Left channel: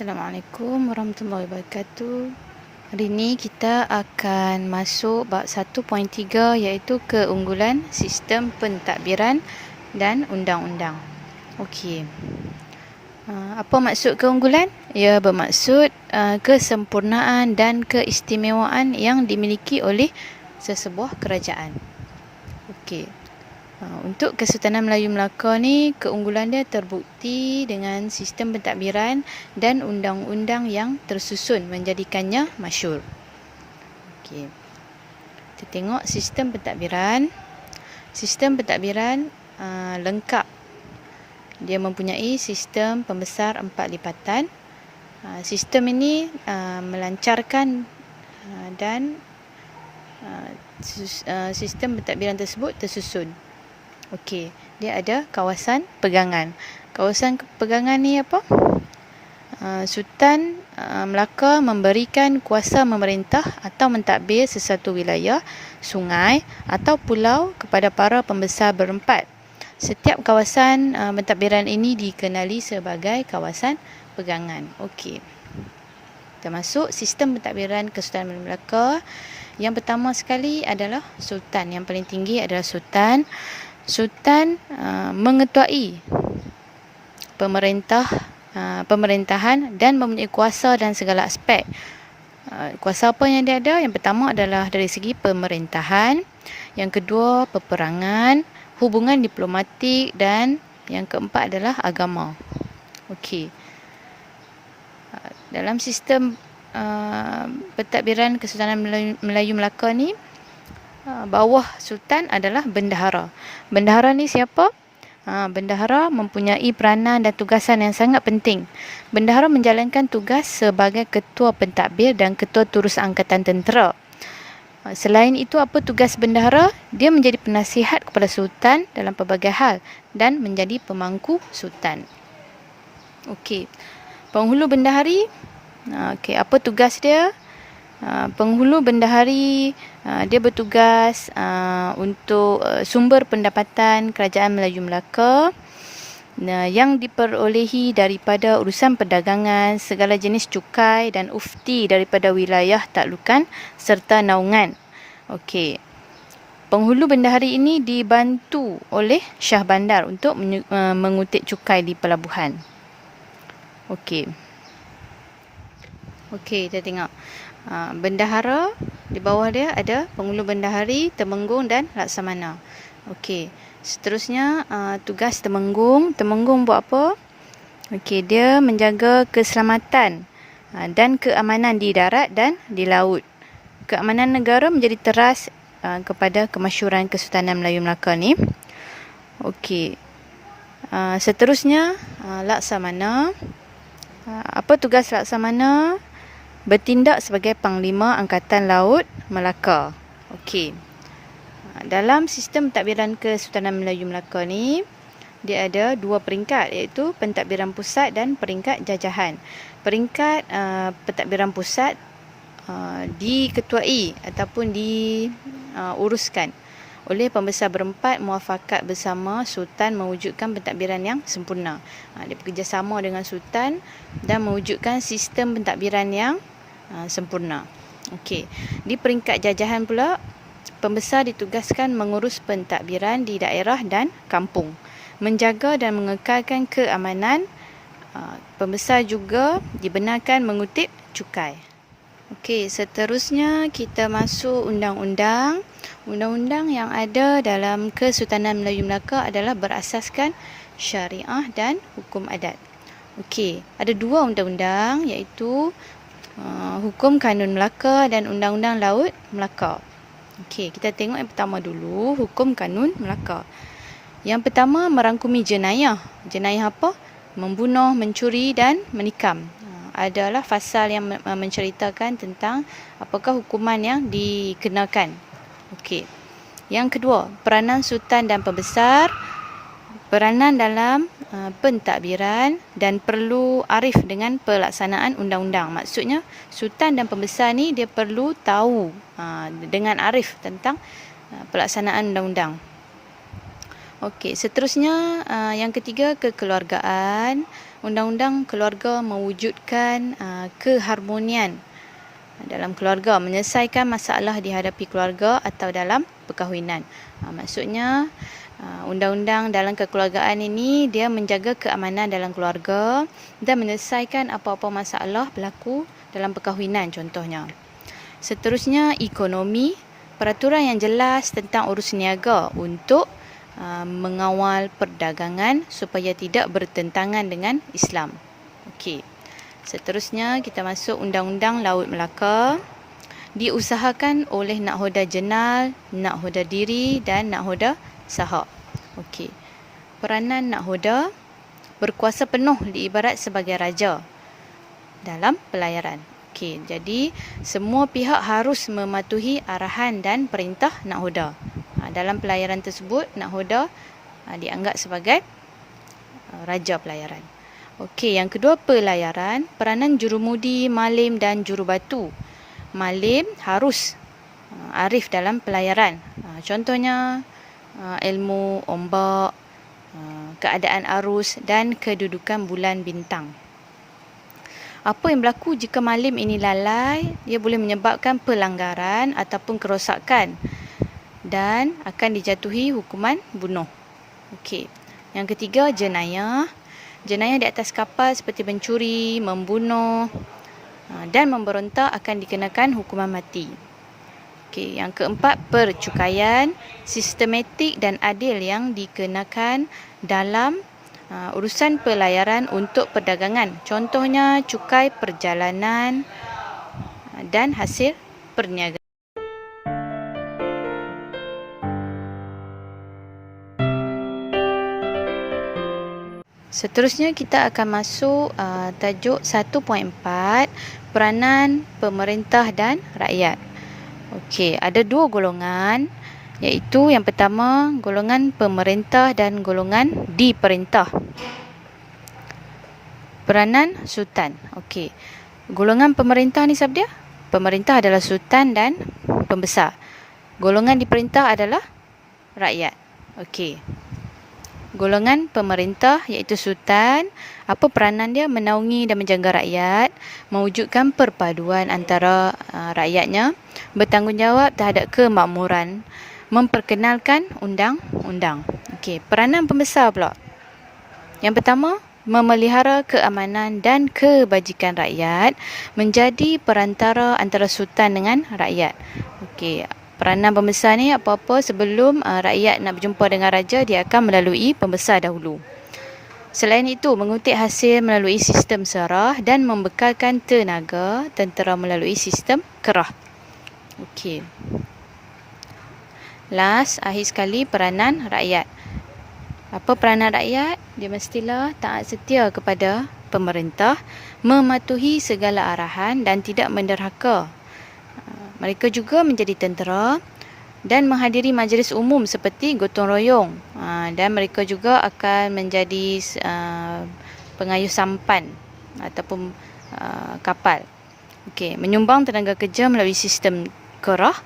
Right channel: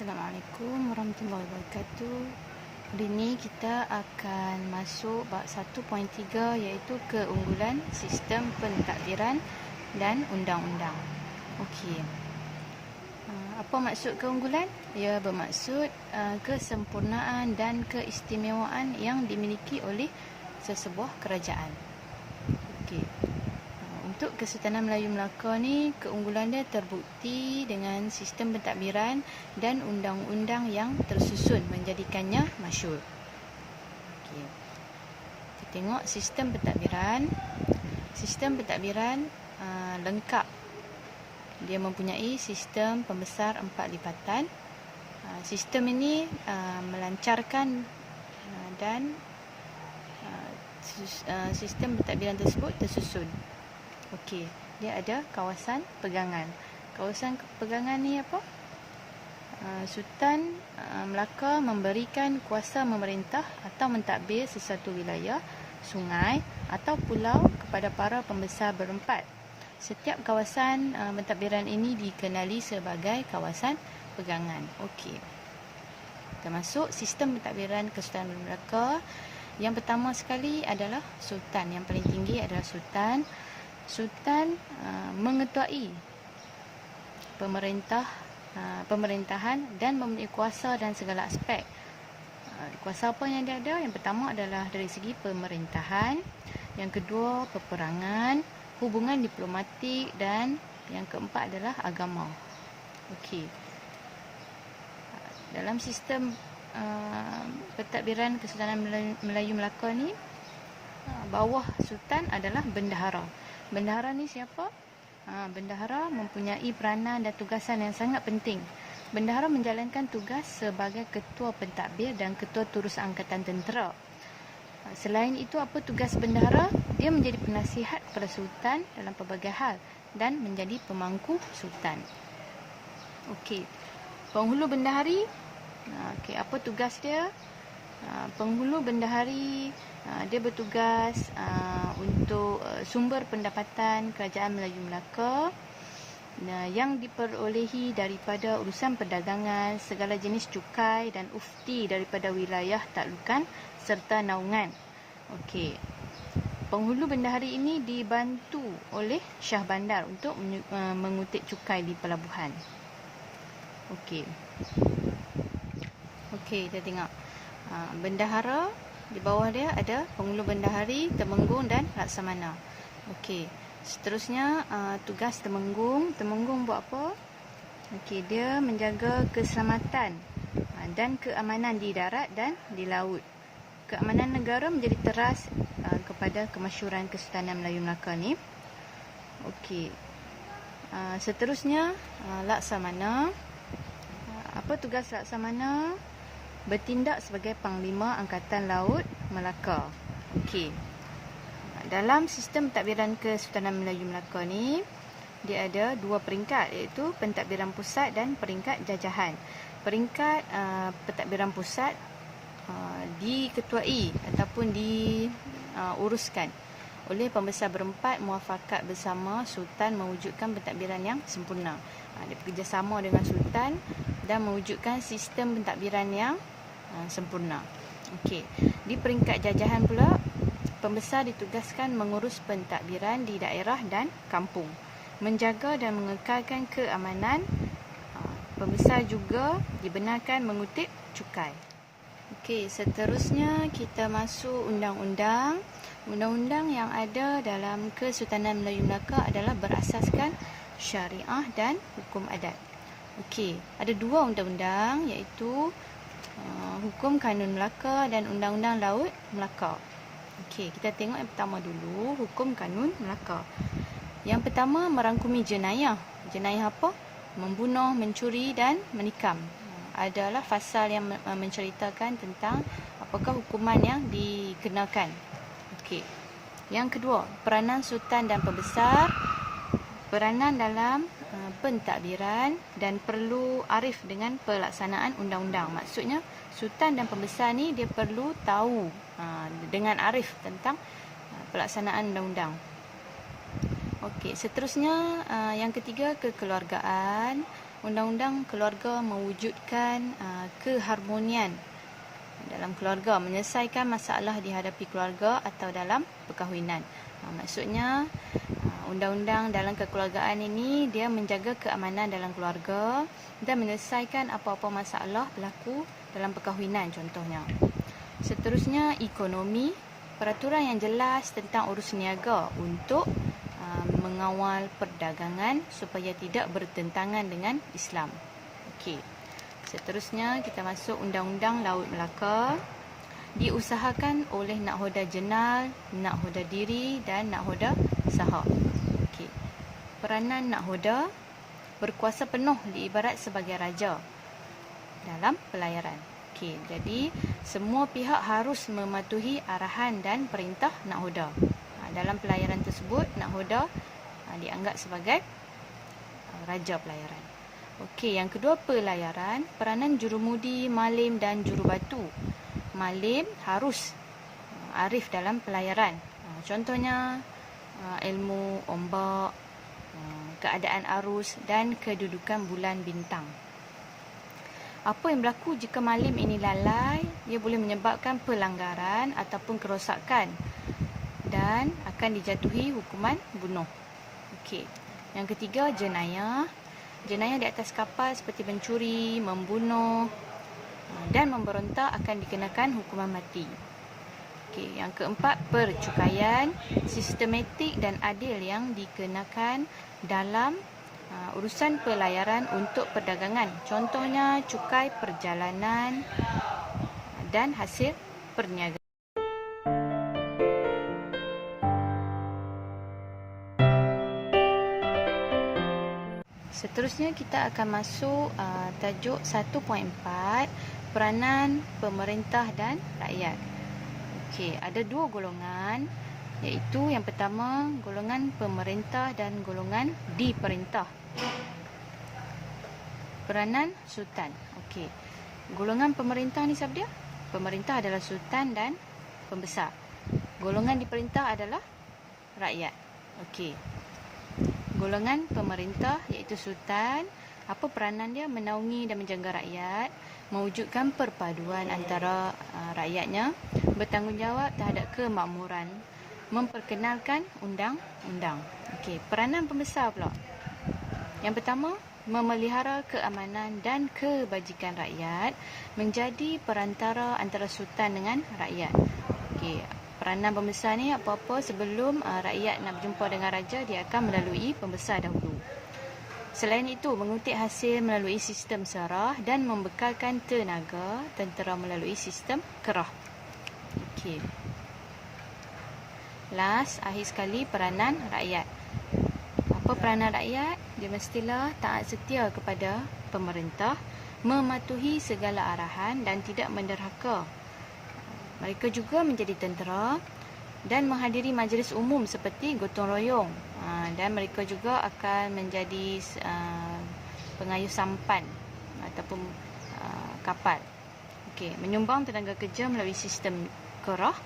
Assalamualaikum warahmatullahi wabarakatuh. Hari ini kita akan masuk bab 1.3 iaitu keunggulan sistem pentadbiran dan undang-undang. Okey. Apa maksud keunggulan? Ia bermaksud kesempurnaan dan keistimewaan yang dimiliki oleh sesebuah kerajaan. Okey. Untuk Kesultanan Melayu Melaka ni, keunggulan dia terbukti dengan sistem pentadbiran dan undang-undang yang tersusun menjadikannya masyhur. Okey. Kita tengok sistem pentadbiran. Sistem pentadbiran lengkap. Dia mempunyai sistem pembesar 4 lipatan. Sistem ini melancarkan dan sistem pentadbiran tersebut tersusun. Okey, dia ada kawasan pegangan. Kawasan pegangan ni apa? Sultan Melaka memberikan kuasa memerintah atau mentadbir sesuatu wilayah, sungai atau pulau kepada para pembesar berempat. Setiap kawasan pentadbiran ini dikenali sebagai kawasan pegangan. Okey. Kita masuk sistem pentadbiran Kesultanan Melaka. Yang pertama sekali adalah Sultan. Yang paling tinggi adalah Sultan. Sultan mengetuai pemerintahan dan mempunyai kuasa dan segala aspek. Kuasa apa yang dia ada? Yang pertama adalah dari segi pemerintahan, yang kedua peperangan, hubungan diplomatik, dan yang keempat adalah agama. Okey. Dalam sistem pentadbiran Kesultanan Melayu Melaka ni, bawah Sultan adalah bendahara. Bendahara ni siapa? Bendahara mempunyai peranan dan tugasan yang sangat penting. Bendahara menjalankan tugas sebagai ketua pentadbir dan ketua turus angkatan tentera. Selain itu, apa tugas bendahara? Dia menjadi penasihat kepada Sultan dalam pelbagai hal dan menjadi pemangku Sultan. Okey. Penghulu bendahari, okey, apa tugas dia? Penghulu bendahari dia bertugas untuk sumber pendapatan Kerajaan Melayu Melaka yang diperolehi daripada urusan perdagangan, segala jenis cukai dan ufti daripada wilayah taklukan serta naungan. Okey. Penghulu bendahari ini dibantu oleh Syah Bandar untuk mengutip cukai di pelabuhan. Okey. Okey, kita tengok. Bendahara, di bawah dia ada penghulu bendahari, temenggung dan laksamana. Okey. Seterusnya tugas temenggung. Temenggung buat apa? Okey, dia menjaga keselamatan dan keamanan di darat dan di laut. Keamanan negara menjadi teras kepada kemasyhuran Kesultanan Melayu Melaka ni. Okey. Seterusnya laksamana. Apa tugas laksamana? Bertindak sebagai Panglima Angkatan Laut Melaka. Okey. Dalam sistem pentadbiran Kesultanan Melayu Melaka ni, dia ada dua peringkat, iaitu pentadbiran pusat dan peringkat jajahan. Peringkat pentadbiran pusat diketuai ataupun diuruskan oleh pembesar berempat muafakat bersama Sultan mewujudkan pentadbiran yang sempurna. Dia bekerjasama dengan Sultan dan mewujudkan sistem pentadbiran yang sempurna. Okey. Di peringkat jajahan pula, pembesar ditugaskan mengurus pentadbiran di daerah dan kampung, menjaga dan mengekalkan keamanan. Pembesar juga dibenarkan mengutip cukai. Okey, seterusnya kita masuk undang-undang. Undang-undang yang ada dalam Kesultanan Melayu Melaka adalah berasaskan syariah dan hukum adat. Okey, ada dua undang-undang, iaitu Hukum Kanun Melaka dan Undang-Undang Laut Melaka. Okey, kita tengok yang pertama dulu, Hukum Kanun Melaka. Yang pertama merangkumi jenayah. Jenayah apa? Membunuh, mencuri dan menikam. Adalah fasal yang menceritakan tentang apakah hukuman yang dikenakan. Okey. Yang kedua, peranan Sultan dan pembesar. Peranan dalam pentadbiran dan perlu arif dengan pelaksanaan undang-undang. Maksudnya, Sultan dan pembesar ni dia perlu tahu dengan arif tentang pelaksanaan undang-undang. Okey, seterusnya yang ketiga, kekeluargaan. Undang-undang keluarga mewujudkan keharmonian dalam keluarga, menyelesaikan masalah dihadapi keluarga atau dalam perkahwinan. Maksudnya undang-undang dalam kekeluargaan ini dia menjaga keamanan dalam keluarga dan menyelesaikan apa-apa masalah berlaku dalam perkahwinan contohnya. Seterusnya ekonomi, peraturan yang jelas tentang urus niaga untuk mengawal perdagangan supaya tidak bertentangan dengan Islam. Okey. Seterusnya kita masuk Undang-Undang Laut Melaka. Diusahakan oleh Nakhoda Jenal, Nakhoda Diri dan Nakhoda Sahab. Okey. Peranan Nakhoda, berkuasa penuh diibarat sebagai raja dalam pelayaran. Okey, jadi semua pihak harus mematuhi arahan dan perintah Nakhoda. Dalam pelayaran tersebut, Nakhoda dianggap sebagai raja pelayaran. Okey, yang kedua pelayaran, peranan jurumudi, malim dan jurubatu. Malim harus arif dalam pelayaran. Contohnya ilmu ombak, keadaan arus dan kedudukan bulan bintang. Apa yang berlaku jika malim ini lalai, dia boleh menyebabkan pelanggaran ataupun kerosakan dan akan dijatuhi hukuman bunuh. Okey. Yang ketiga, jenayah. Jenayah di atas kapal seperti mencuri, membunuh dan memberontak akan dikenakan hukuman mati. Okey, yang keempat, percukaian, sistematik dan adil yang dikenakan dalam urusan pelayaran untuk perdagangan. Contohnya cukai perjalanan dan hasil perniagaan. Seterusnya kita akan masuk tajuk 1.4, peranan pemerintah dan rakyat. Okey, ada dua golongan, iaitu yang pertama golongan pemerintah dan golongan diperintah. Peranan sultan. Okey. Golongan pemerintah ni siapa dia? Pemerintah adalah sultan dan pembesar. Golongan diperintah adalah rakyat. Okey. Golongan pemerintah iaitu sultan, apa peranan dia? Menaungi dan menjaga rakyat, mewujudkan perpaduan antara rakyatnya, bertanggungjawab terhadap kemakmuran, memperkenalkan undang-undang. Okey, peranan pembesar pula. Yang pertama, memelihara keamanan dan kebajikan rakyat, menjadi perantara antara sultan dengan rakyat. Okey, peranan pembesar ni apa-apa sebelum rakyat nak berjumpa dengan raja, dia akan melalui pembesar dahulu. Selain itu, mengutip hasil melalui sistem serah dan membekalkan tenaga tentera melalui sistem kerah. Okey. Last, akhir sekali, peranan rakyat. Apa peranan rakyat? Dia mestilah taat setia kepada pemerintah, mematuhi segala arahan dan tidak menderhaka. Mereka juga menjadi tentera dan menghadiri majlis umum seperti gotong royong. Dan mereka juga akan menjadi pengayuh sampan ataupun kapal. Okey, menyumbang tenaga kerja melalui sistem kerah.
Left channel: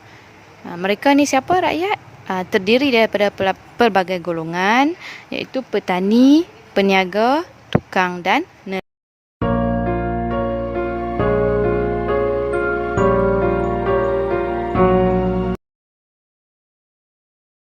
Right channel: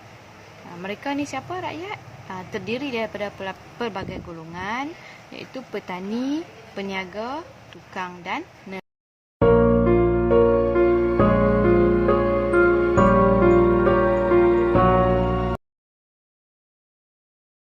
Mereka ni siapa? Rakyat. Terdiri daripada pelbagai golongan, iaitu petani, peniaga, tukang dan nelayan.